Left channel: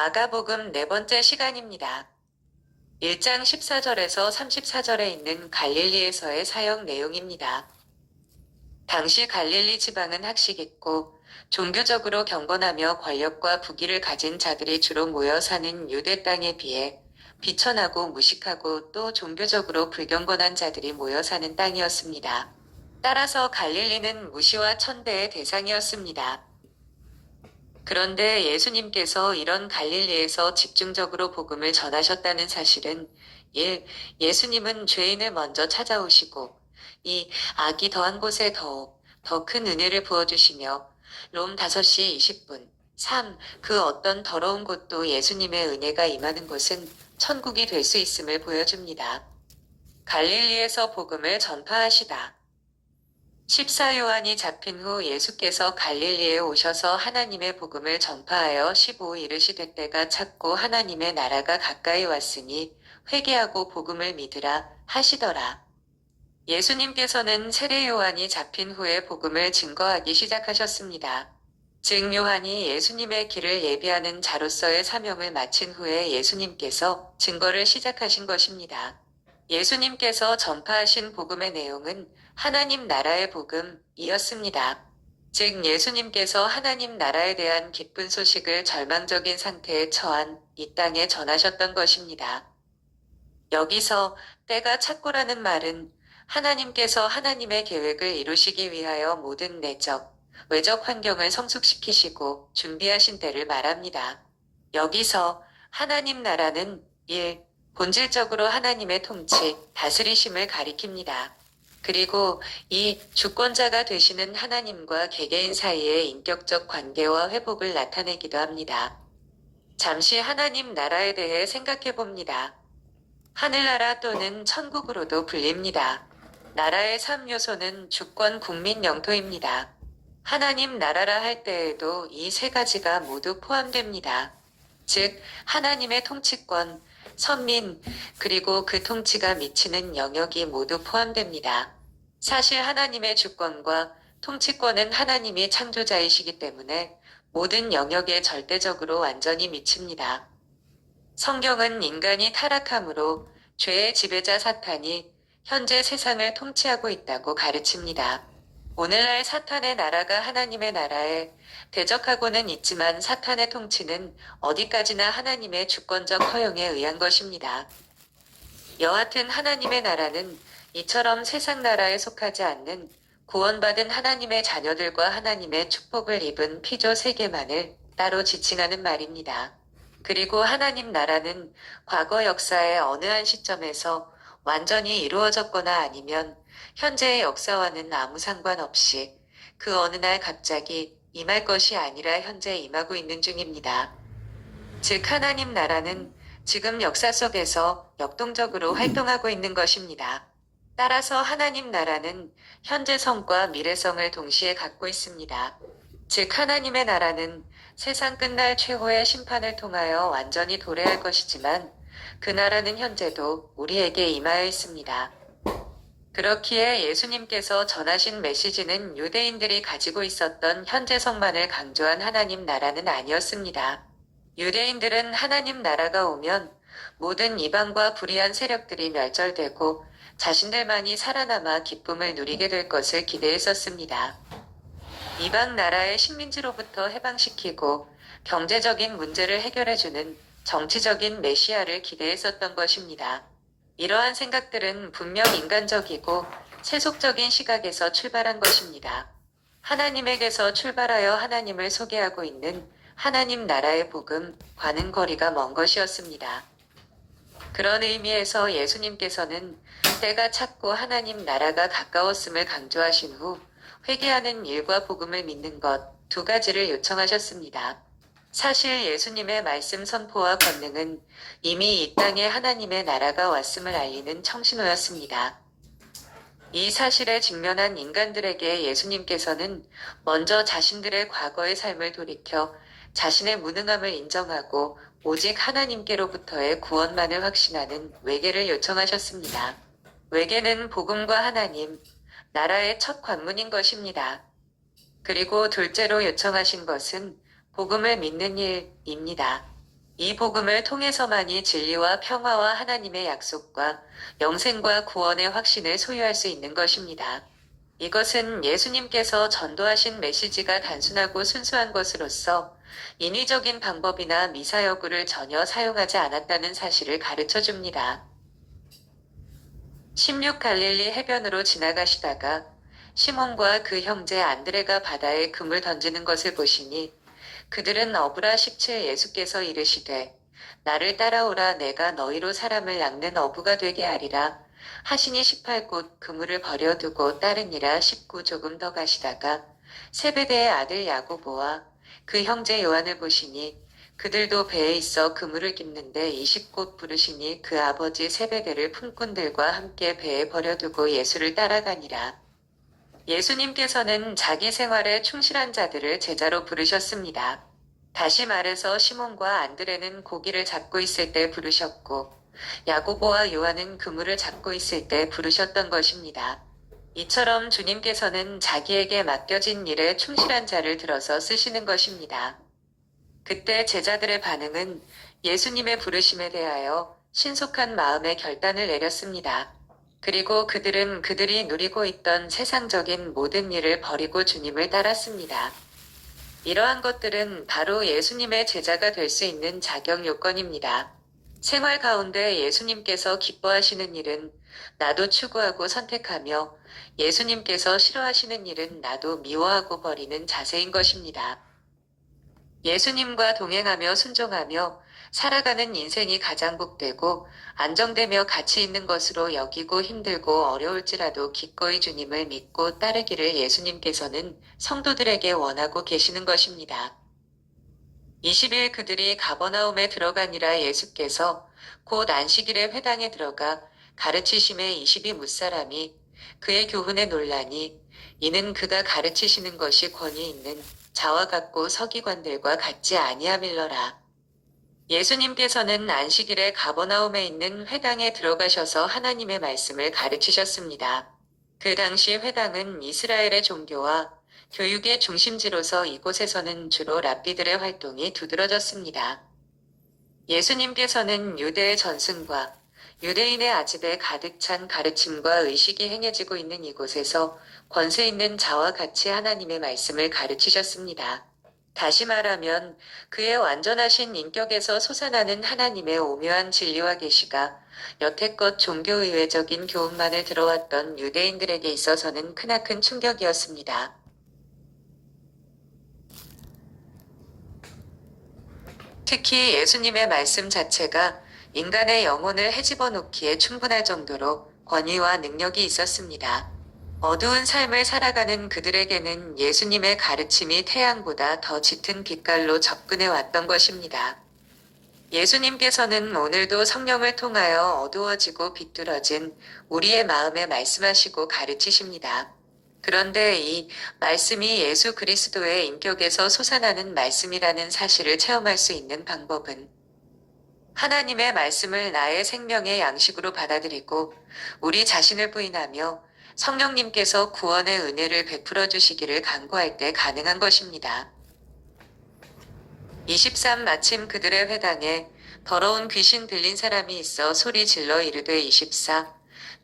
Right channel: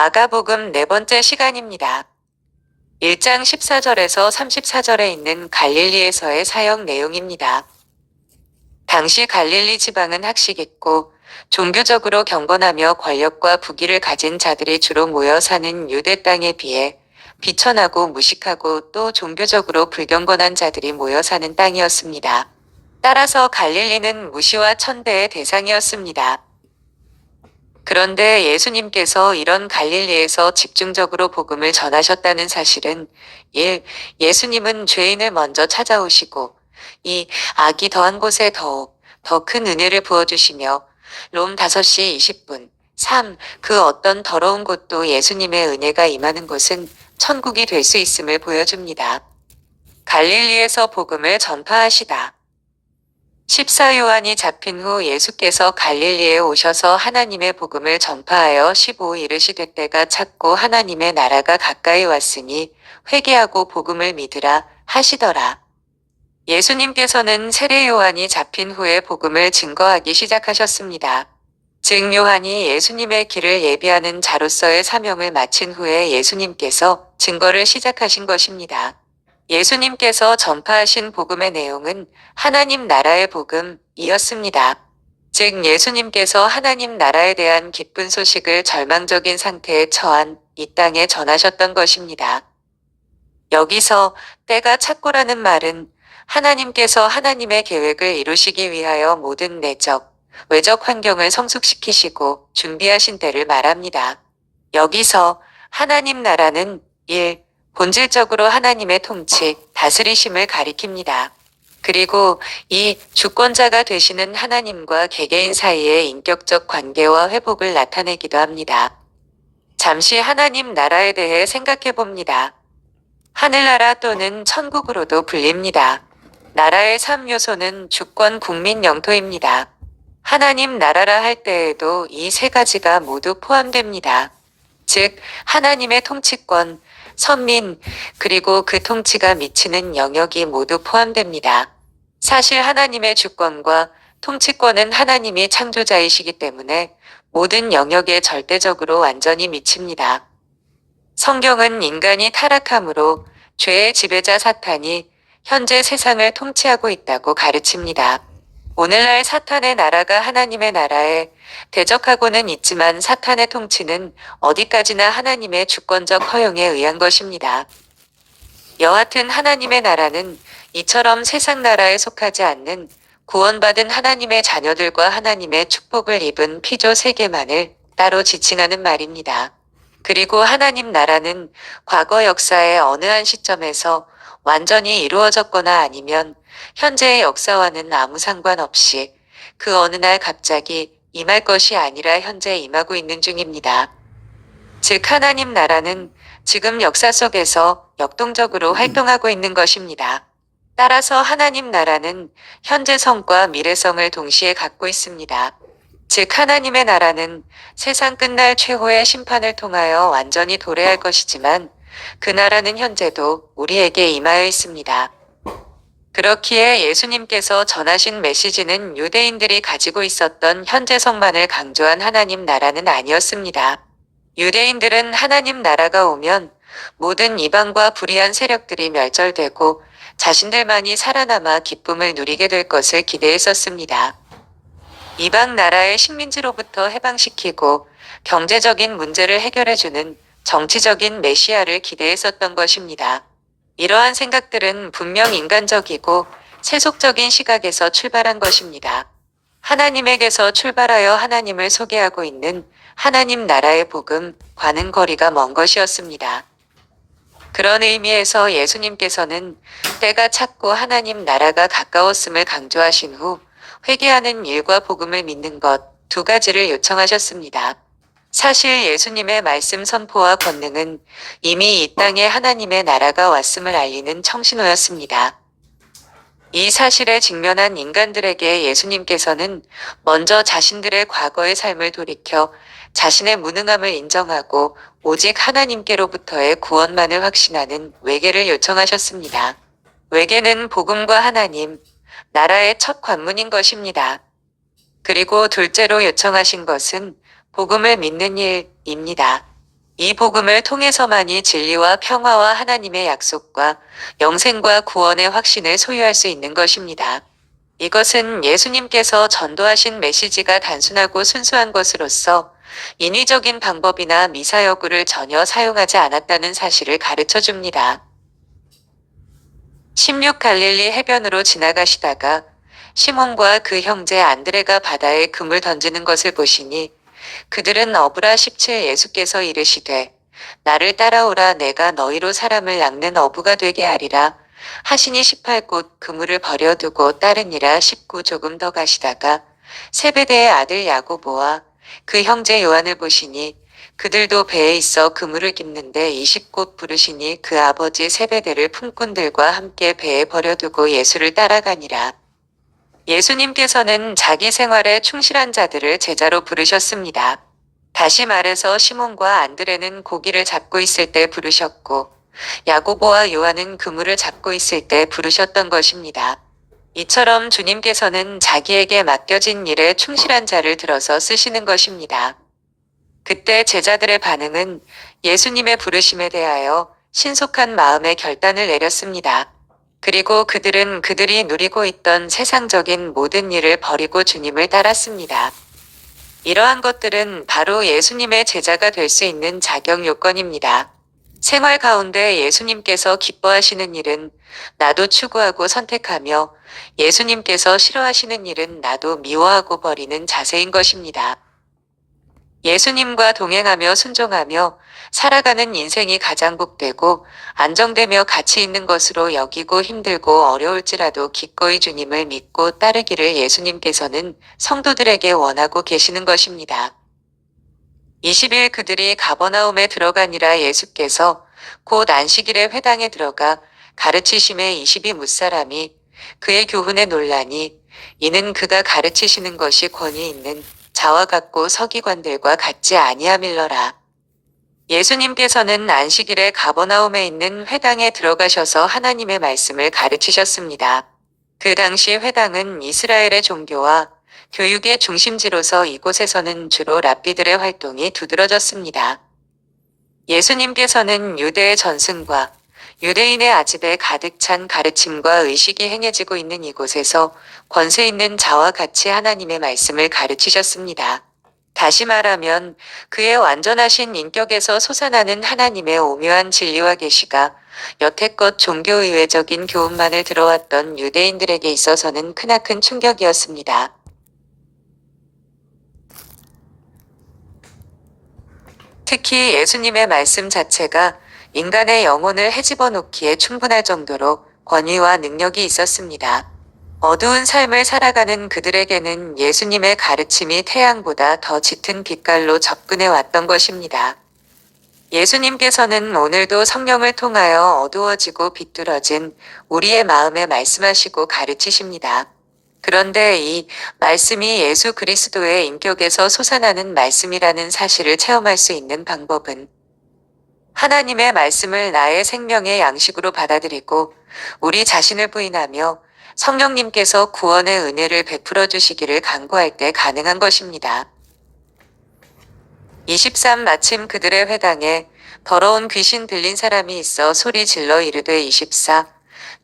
마가복음 네 번째 시간입니다. 1장 14절에서 34절에 있는 갈릴리에서의 사역 내용입니다. 당시 갈릴리 지방은 학식있고 종교적으로 경건하며 권력과 부귀를 가진 자들이 주로 모여 사는 유대 땅에 비해 비천하고 무식하고 또 종교적으로 불경건한 자들이 모여 사는 땅이었습니다. 따라서 갈릴리는 무시와 천대의 대상이었습니다. 그런데 예수님께서 이런 갈릴리에서 집중적으로 복음을 전하셨다는 사실은 1. 예수님은 죄인을 먼저 찾아오시고 2. 악이 더한 곳에 더욱 더 큰 은혜를 부어주시며 롬 5시 20분 3. 그 어떤 더러운 곳도 예수님의 은혜가 임하는 곳은 천국이 될 수 있음을 보여줍니다. 갈릴리에서 복음을 전파하시다. 14요한이 잡힌 후 예수께서 갈릴리에 오셔서 하나님의 복음을 전파하여 15 이르시되 때가 찼고 하나님의 나라가 가까이 왔으니 회개하고 복음을 믿으라 하시더라. 예수님께서는 세례 요한이 잡힌 후에 복음을 증거하기 시작하셨습니다. 즉 요한이 예수님의 길을 예비하는 자로서의 사명을 마친 후에 예수님께서 증거를 시작하신 것입니다. 예수님께서 전파하신 복음의 내용은 하나님 나라의 복음이었습니다. 즉 예수님께서 하나님 나라에 대한 기쁜 소식을 절망적인 상태에 처한 이 땅에 전하셨던 것입니다. 여기서 때가 찼고라는 말은 하나님께서 하나님의 계획을 이루시기 위하여 모든 내적, 외적 환경을 성숙시키시고 준비하신 때를 말합니다. 여기서 하나님 나라는 1. 본질적으로 하나님의 통치, 다스리심을 가리킵니다. 그리고 2. 주권자가 되시는 하나님과 개개인 사이의 인격적 관계와 회복을 나타내기도 합니다. 잠시 하나님 나라에 대해 생각해 봅니다. 하늘나라 또는 천국으로도 불립니다. 나라의 3요소는 주권, 국민, 영토입니다. 하나님 나라라 할 때에도 이 세 가지가 모두 포함됩니다. 즉 하나님의 통치권, 선민, 그리고 그 통치가 미치는 영역이 모두 포함됩니다. 사실 하나님의 주권과 통치권은 하나님이 창조자이시기 때문에 모든 영역에 절대적으로 완전히 미칩니다. 성경은 인간이 타락함으로 죄의 지배자 사탄이 현재 세상을 통치하고 있다고 가르칩니다. 오늘날 사탄의 나라가 하나님의 나라에 대적하고는 있지만 사탄의 통치는 어디까지나 하나님의 주권적 허용에 의한 것입니다. 여하튼 하나님의 나라는 이처럼 세상 나라에 속하지 않는 구원받은 하나님의 자녀들과 하나님의 축복을 입은 피조 세계만을 따로 지칭하는 말입니다. 그리고 하나님 나라는 과거 역사의 어느 한 시점에서 완전히 이루어졌거나 아니면 현재의 역사와는 아무 상관없이 그 어느 날 갑자기 임할 것이 아니라 현재 임하고 있는 중입니다. 즉 하나님 나라는 지금 역사 속에서 역동적으로 활동하고 있는 것입니다. 따라서 하나님 나라는 현재성과 미래성을 동시에 갖고 있습니다. 즉 하나님의 나라는 세상 끝날 최후의 심판을 통하여 완전히 도래할 것이지만 그 나라는 현재도 우리에게 임하여 있습니다. 그렇기에 예수님께서 전하신 메시지는 유대인들이 가지고 있었던 현재성만을 강조한 하나님 나라는 아니었습니다. 유대인들은 하나님 나라가 오면 모든 이방과 불의한 세력들이 멸절되고 자신들만이 살아남아 기쁨을 누리게 될 것을 기대했었습니다. 이방 나라의 식민지로부터 해방시키고 경제적인 문제를 해결해주는 정치적인 메시아를 기대했었던 것입니다. 이러한 생각들은 분명 인간적이고 세속적인 시각에서 출발한 것입니다. 하나님에게서 출발하여 하나님을 소개하고 있는 하나님 나라의 복음과는 거리가 먼 것이었습니다. 그런 의미에서 예수님께서는 때가 찼고 하나님 나라가 가까웠음을 강조하신 후 회개하는 일과 복음을 믿는 것 두 가지를 요청하셨습니다. 사실 예수님의 말씀 선포와 권능은 이미 이 땅에 하나님의 나라가 왔음을 알리는 청신호였습니다. 이 사실에 직면한 인간들에게 예수님께서는 먼저 자신들의 과거의 삶을 돌이켜 자신의 무능함을 인정하고 오직 하나님께로부터의 구원만을 확신하는 회개를 요청하셨습니다. 회개는 복음과 하나님, 나라의 첫 관문인 것입니다. 그리고 둘째로 요청하신 것은 복음을 믿는 일입니다. 이 복음을 통해서만이 진리와 평화와 하나님의 약속과 영생과 구원의 확신을 소유할 수 있는 것입니다. 이것은 예수님께서 전도하신 메시지가 단순하고 순수한 것으로서 인위적인 방법이나 미사여구를 전혀 사용하지 않았다는 사실을 가르쳐 줍니다. 16 갈릴리 해변으로 지나가시다가 시몬과 그 형제 안드레가 바다에 금을 던지는 것을 보시니 그들은 어부라 17 예수께서 이르시되 나를 따라오라 내가 너희로 사람을 낚는 어부가 되게 하리라 하시니 18 곧 그물을 버려두고 따르니라 19 조금 더 가시다가 세베대의 아들 야고보와 그 형제 요한을 보시니 그들도 배에 있어 그물을 깁는데 20 곧 부르시니 그 아버지 세베대를 품꾼들과 함께 배에 버려두고 예수를 따라가니라. 예수님께서는 자기 생활에 충실한 자들을 제자로 부르셨습니다. 다시 말해서 시몬과 안드레는 고기를 잡고 있을 때 부르셨고 야고보와 요한은 그물을 잡고 있을 때 부르셨던 것입니다. 이처럼 주님께서는 자기에게 맡겨진 일에 충실한 자를 들어서 쓰시는 것입니다. 그때 제자들의 반응은 예수님의 부르심에 대하여 신속한 마음의 결단을 내렸습니다. 그리고 그들은 그들이 누리고 있던 세상적인 모든 일을 버리고 주님을 따랐습니다. 이러한 것들은 바로 예수님의 제자가 될 수 있는 자격 요건입니다. 생활 가운데 예수님께서 기뻐하시는 일은 나도 추구하고 선택하며 예수님께서 싫어하시는 일은 나도 미워하고 버리는 자세인 것입니다. 예수님과 동행하며 순종하며 살아가는 인생이 가장 복되고 안정되며 가치 있는 것으로 여기고 힘들고 어려울지라도 기꺼이 주님을 믿고 따르기를 예수님께서는 성도들에게 원하고 계시는 것입니다. 20일 그들이 가버나움에 들어가니라 예수께서 곧 안식일에 회당에 들어가 가르치심에 20이 무사람이 그의 교훈에 놀라니 이는 그가 가르치시는 것이 권위 있는 자와 같고 서기관들과 같지 아니함일러라. 예수님께서는 안식일에 가버나움에 있는 회당에 들어가셔서 하나님의 말씀을 가르치셨습니다. 그 당시 회당은 이스라엘의 종교와 교육의 중심지로서 이곳에서는 주로 랍비들의 활동이 두드러졌습니다. 예수님께서는 유대의 전승과 유대인의 아집에 가득 찬 가르침과 의식이 행해지고 있는 이곳에서 권세 있는 자와 같이 하나님의 말씀을 가르치셨습니다. 다시 말하면 그의 완전하신 인격에서 솟아나는 하나님의 오묘한 진리와 계시가 여태껏 종교의회적인 교훈만을 들어왔던 유대인들에게 있어서는 크나큰 충격이었습니다. 특히 예수님의 말씀 자체가 인간의 영혼을 헤집어 놓기에 충분할 정도로 권위와 능력이 있었습니다. 어두운 삶을 살아가는 그들에게는 예수님의 가르침이 태양보다 더 짙은 빛깔로 접근해 왔던 것입니다. 예수님께서는 오늘도 성령을 통하여 어두워지고 비뚤어진 우리의 마음에 말씀하시고 가르치십니다. 그런데 이 말씀이 예수 그리스도의 인격에서 솟아나는 말씀이라는 사실을 체험할 수 있는 방법은 하나님의 말씀을 나의 생명의 양식으로 받아들이고 우리 자신을 부인하며 성령님께서 구원의 은혜를 베풀어 주시기를 간구할 때 가능한 것입니다. 23 마침 그들의 회당에 더러운 귀신 들린 사람이 있어 소리 질러 이르되 24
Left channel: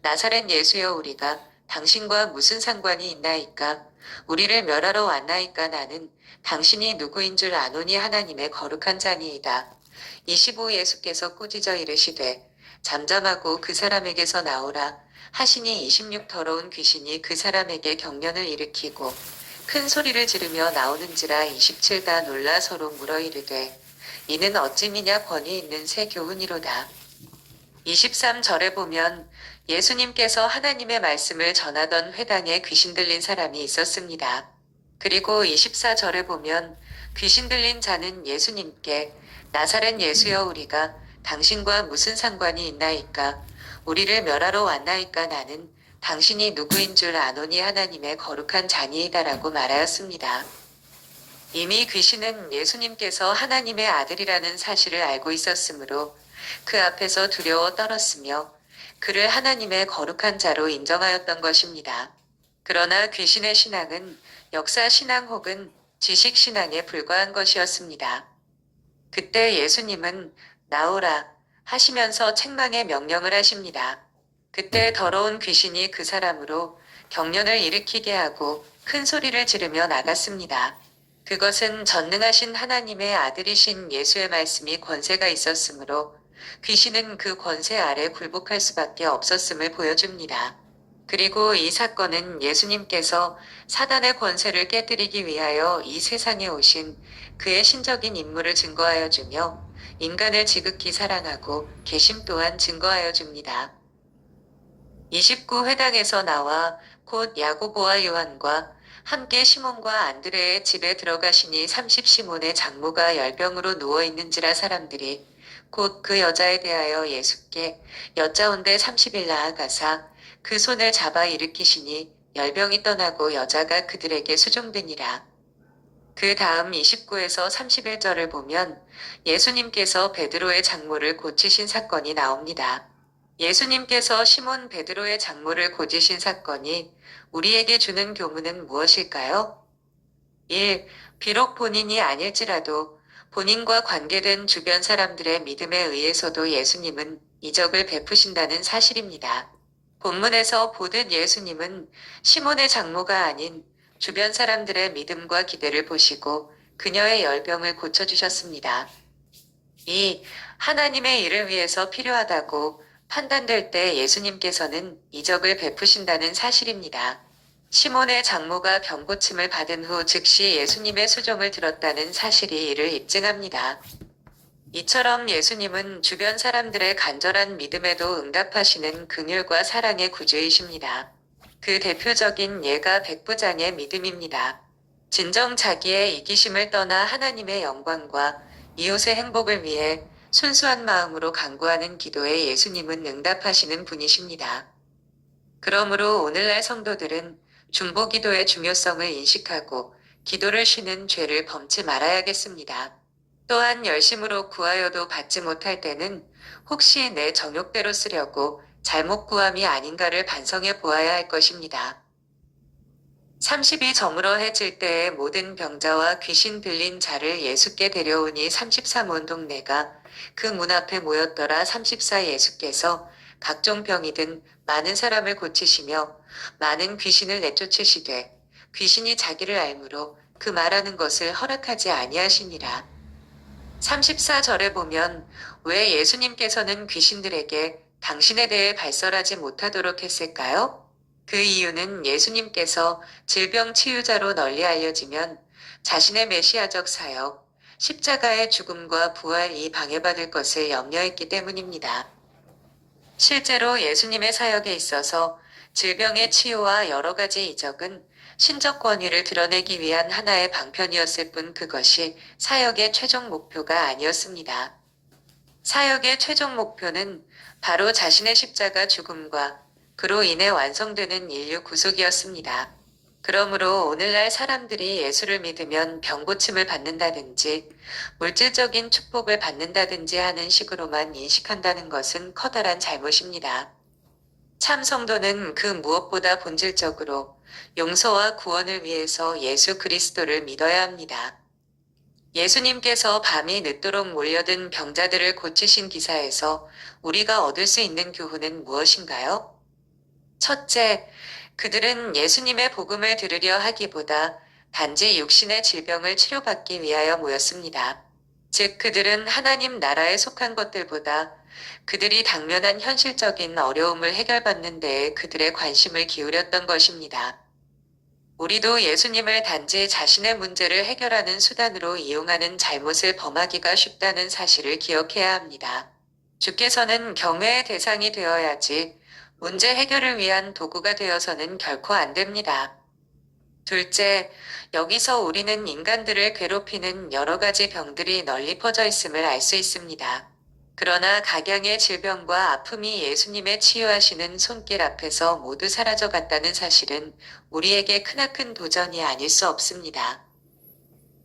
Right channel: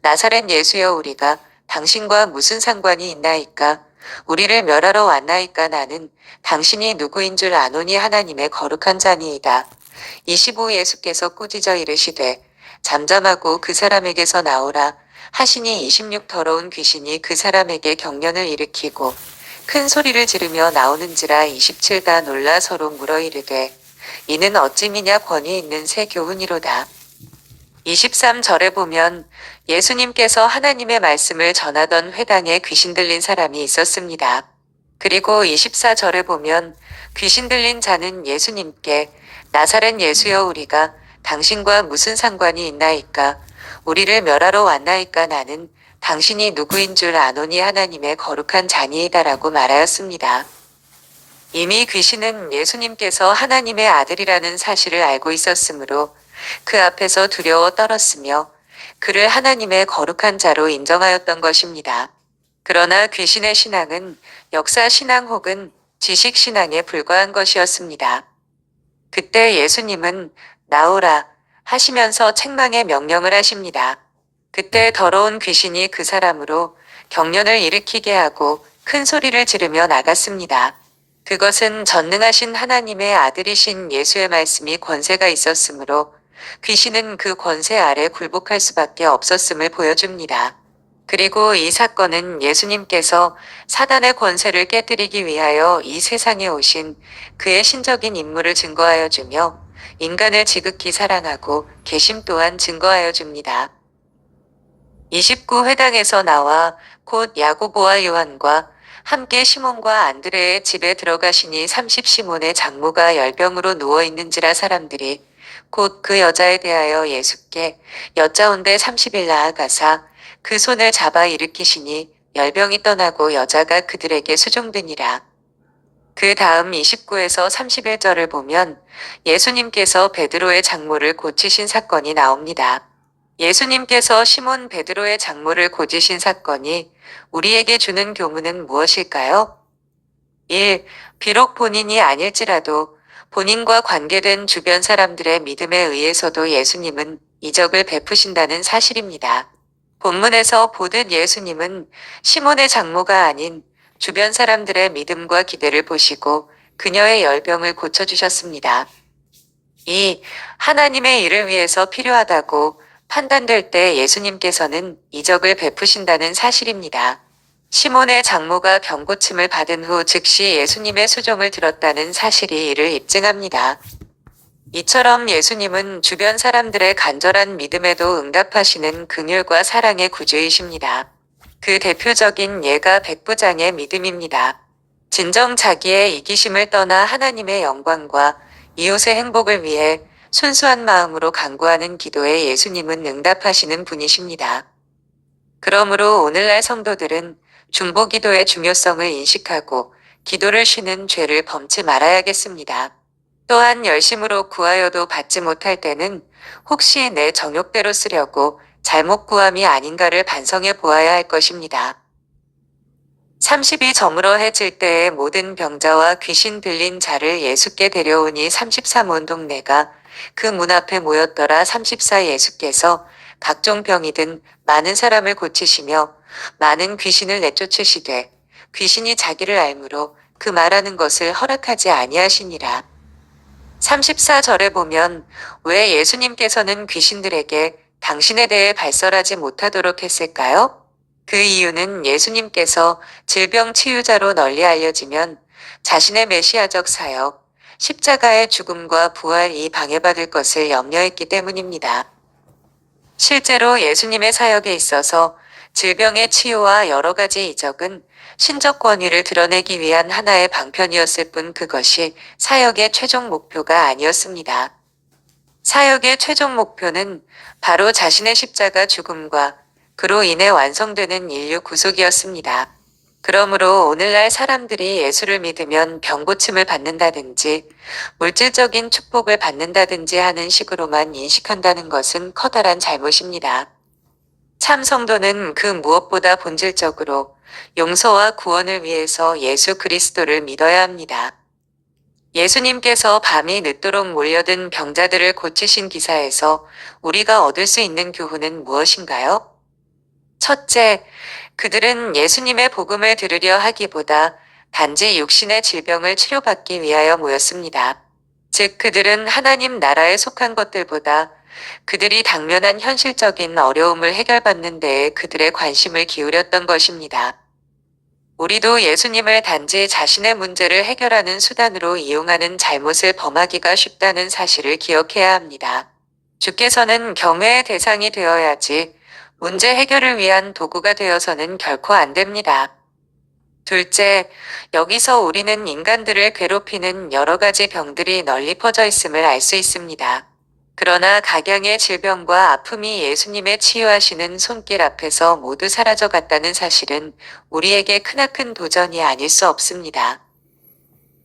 나사렛 예수여 우리가 당신과 무슨 상관이 있나이까 우리를 멸하러 왔나이까 나는 당신이 누구인 줄 아노니 하나님의 거룩한 자니이다. 25 예수께서 꾸짖어 이르시되 잠잠하고 그 사람에게서 나오라 하시니 26 더러운 귀신이 그 사람에게 경련을 일으키고 큰 소리를 지르며 나오는지라 27가 놀라 서로 물어 이르되 이는 어찌미냐 권위 있는 새 교훈이로다. 23절에 보면 예수님께서 하나님의 말씀을 전하던 회당에 귀신 들린 사람이 있었습니다. 그리고 24절에 보면 귀신 들린 자는 예수님께 나사렛 예수여 우리가 당신과 무슨 상관이 있나이까 우리를 멸하러 왔나이까 나는 당신이 누구인 줄 아노니 하나님의 거룩한 자니이다라고 말하였습니다. 이미 귀신은 예수님께서 하나님의 아들이라는 사실을 알고 있었으므로 그 앞에서 두려워 떨었으며 그를 하나님의 거룩한 자로 인정하였던 것입니다. 그러나 귀신의 신앙은 역사 신앙 혹은 지식 신앙에 불과한 것이었습니다. 그때 예수님은 나오라 하시면서 책망의 명령을 하십니다. 그때 더러운 귀신이 그 사람으로 경련을 일으키게 하고 큰 소리를 지르며 나갔습니다. 그것은 전능하신 하나님의 아들이신 예수의 말씀이 권세가 있었으므로 귀신은 그 권세 아래 굴복할 수밖에 없었음을 보여줍니다. 그리고 이 사건은 예수님께서 사단의 권세를 깨뜨리기 위하여 이 세상에 오신 그의 신적인 임무를 증거하여 주며 인간을 지극히 사랑하고 계심 또한 증거하여 줍니다. 29회당에서 나와 곧 야고보와 요한과 함께 시몬과 안드레의 집에 들어가시니 30시몬의 장모가 열병으로 누워 있는지라 사람들이 곧 그 여자에 대하여 예수께 여짜온데 30일 나아가사 그 손을 잡아 일으키시니 열병이 떠나고 여자가 그들에게 수종되니라. 그 다음 29에서 31절을 보면 예수님께서 베드로의 장모를 고치신 사건이 나옵니다. 예수님께서 시몬 베드로의 장모를 고치신 사건이 우리에게 주는 교훈은 무엇일까요? 1. 비록 본인이 아닐지라도 본인과 관계된 주변 사람들의 믿음에 의해서도 예수님은 이적을 베푸신다는 사실입니다. 본문에서 보듯 예수님은 시몬의 장모가 아닌 주변 사람들의 믿음과 기대를 보시고 그녀의 열병을 고쳐주셨습니다. 2. 하나님의 일을 위해서 필요하다고 판단될 때 예수님께서는 이적을 베푸신다는 사실입니다. 시몬의 장모가 병고침을 받은 후 즉시 예수님의 수종을 들었다는 사실이 이를 입증합니다. 이처럼 예수님은 주변 사람들의 간절한 믿음에도 응답하시는 긍휼과 사랑의 구주이십니다. 그 대표적인 예가 백부장의 믿음입니다. 진정 자기의 이기심을 떠나 하나님의 영광과 이웃의 행복을 위해 순수한 마음으로 간구하는 기도에 예수님은 응답하시는 분이십니다. 그러므로 오늘날 성도들은 중보기도의 중요성을 인식하고 기도를 쉬는 죄를 범치 말아야겠습니다. 또한 열심으로 구하여도 받지 못할 때는 혹시 내 정욕대로 쓰려고 잘못 구함이 아닌가를 반성해 보아야 할 것입니다. 30이 저물어 해질 때에 모든 병자와 귀신 들린 자를 예수께 데려오니 33온 동네가 그 문 앞에 모였더라. 34 예수께서 각종 병이든 많은 사람을 고치시며 많은 귀신을 내쫓으시되 귀신이 자기를 알므로 그 말하는 것을 허락하지 아니하시니라. 34절에 보면 왜 예수님께서는 귀신들에게 당신에 대해 발설하지 못하도록 했을까요? 그 이유는 예수님께서 질병 치유자로 널리 알려지면 자신의 메시아적 사역, 십자가의 죽음과 부활이 방해받을 것을 염려했기 때문입니다. 실제로 예수님의 사역에 있어서 질병의 치유와 여러 가지 이적은 신적 권위를 드러내기 위한 하나의 방편이었을 뿐 그것이 사역의 최종 목표가 아니었습니다. 사역의 최종 목표는 바로 자신의 십자가 죽음과 그로 인해 완성되는 인류 구속이었습니다. 그러므로 오늘날 사람들이 예수를 믿으면 병고침을 받는다든지 물질적인 축복을 받는다든지 하는 식으로만 인식한다는 것은 커다란 잘못입니다. 참 성도는 그 무엇보다 본질적으로 용서와 구원을 위해서 예수 그리스도를 믿어야 합니다. 예수님께서 밤이 늦도록 몰려든 병자들을 고치신 기사에서 우리가 얻을 수 있는 교훈은 무엇인가요? 첫째, 그들은 예수님의 복음을 들으려 하기보다 단지 육신의 질병을 치료받기 위하여 모였습니다. 즉, 그들은 하나님 나라에 속한 것들보다 그들이 당면한 현실적인 어려움을 해결받는 데에 그들의 관심을 기울였던 것입니다. 우리도 예수님을 단지 자신의 문제를 해결하는 수단으로 이용하는 잘못을 범하기가 쉽다는 사실을 기억해야 합니다. 주께서는 경외의 대상이 되어야지 문제 해결을 위한 도구가 되어서는 결코 안 됩니다. 둘째, 여기서 우리는 인간들을 괴롭히는 여러 가지 병들이 널리 퍼져 있음을 알 수 있습니다. 그러나 각양의 질병과 아픔이 예수님의 치유하시는 손길 앞에서 모두 사라져 갔다는 사실은 우리에게 크나큰 도전이 아닐 수 없습니다.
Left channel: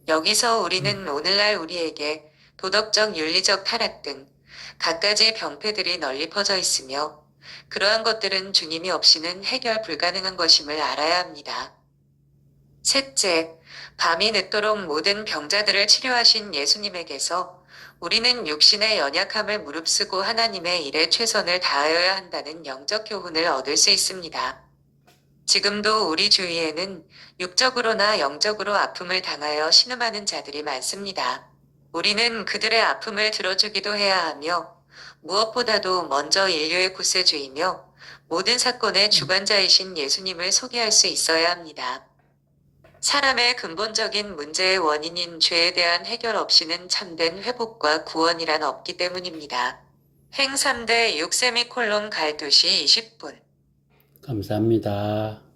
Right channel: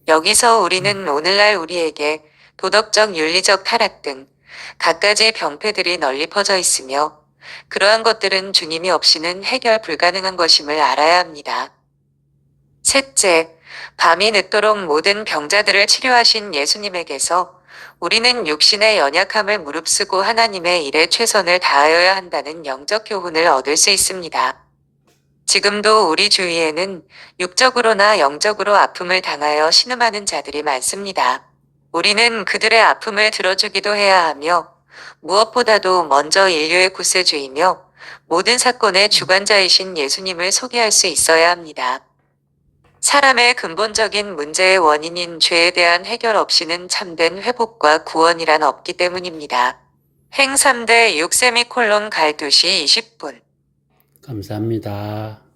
여기서 우리는 오늘날 우리에게 도덕적 윤리적 타락 등 갖가지 병폐들이 널리 퍼져 있으며 그러한 것들은 주님이 없이는 해결 불가능한 것임을 알아야 합니다. 셋째, 밤이 늦도록 모든 병자들을 치료하신 예수님에게서 우리는 육신의 연약함을 무릅쓰고 하나님의 일에 최선을 다하여야 한다는 영적 교훈을 얻을 수 있습니다. 지금도 우리 주위에는 육적으로나 영적으로 아픔을 당하여 신음하는 자들이 많습니다. 우리는 그들의 아픔을 들어주기도 해야 하며 무엇보다도 먼저 인류의 구세주이며 모든 사건의 주관자이신 예수님을 소개할 수 있어야 합니다. 사람의 근본적인 문제의 원인인 죄에 대한 해결 없이는 참된 회복과 구원이란 없기 때문입니다. 행 3대 6 갈두시 20분 감사합니다.